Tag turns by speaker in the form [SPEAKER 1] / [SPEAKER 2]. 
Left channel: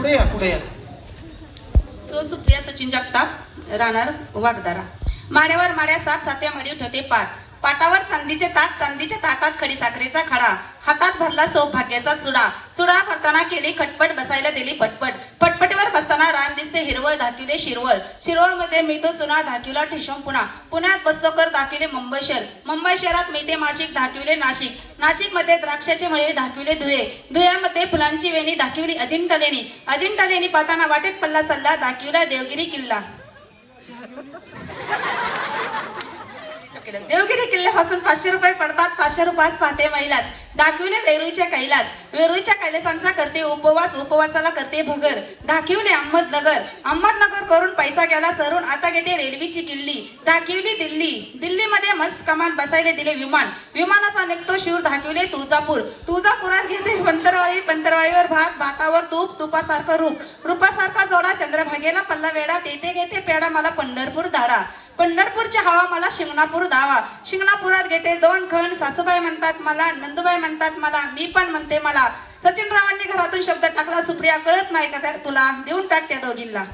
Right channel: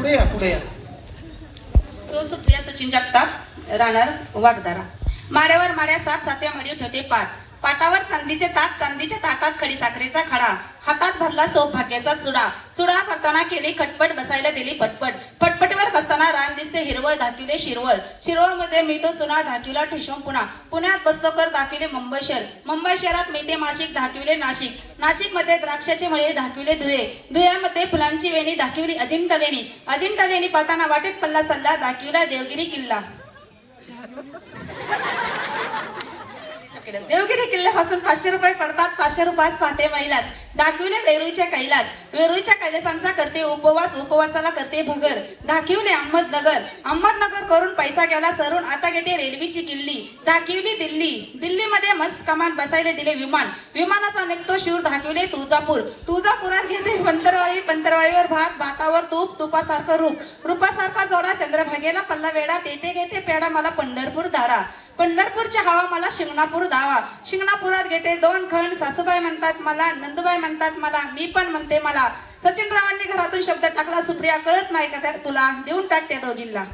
[SPEAKER 1] पुढे या पुढे या.
[SPEAKER 2] सो सुप्रिया सचिन जगताप राहणार वागदारा माड्यावर माड्या सात सात्या मडी ठेवते पाठ. पाटावर चांदीचे ताट चांदीच्या ताटात खडी साखरेचा खडा. हातात भरला सौभाग्याचा चुडा. चुडा भरताना केली खटपट बसायला दिली पटपट. पटपटीवर दिसते हिरवळ धाकिले शिरवळ. शिरवळमध्ये मिळतो चुना धाकिला ठेशम पुणा पुण्यात बस्तोकर धाकिले दाखविले मुंबई शहर. मुंबई शहरात मिळते माशिक धाकिले नाशिक नाशिक. मध्ये द्राक्षाचे मळे धाकिले धुळे. धुळ्यामध्ये फुलांची वेणी दाखविली अजिंठा लेणी अजिंठा लेणी पाहताना वाटेत पल्ला सल्ला धाकिला देवगिरी किल्ला. देवगिरी किल्ल्यापासून पाचशे रुपये पडतात पाचशे रुपयात पाहते महिलाच दाखविले वेरूळच्या कैलास. वेरूळच्या कैलासांचा करते उपवास उपवासाला करते भुगर. दाखविले अहमदनगर. अहमदनगर करून पैसा गेला सरून आता घेते रेल्वेची किल्ली दाखविली दिल्ली. दिल्लीमध्ये मस्त कमान बसायला दिले विमान. विमानाचा निघतो शिव दाखविले तुळजापूर. तुळजापुरात घेते पंतरवाई पंतरवाईवर भात भातावर तूप तुपासारखं रूप. रूपासारखा जोडा चंद्रभागेला पल्ला वेडा तेथे घेते पेडा मला पंढरपूर धाडा. पंढरपूरच्या हवा मला शिंगणापूर धावा. शिंगणापुरात घेते दोन खण सासूबाई म्हणतात मला नंदुबाई म्हणतात मला मी पण म्हणते मला. सचिन रावांनी घरातून शब्द टाकला सुप्रिया कळत नाही का तुला देऊन टाकते दोघींना.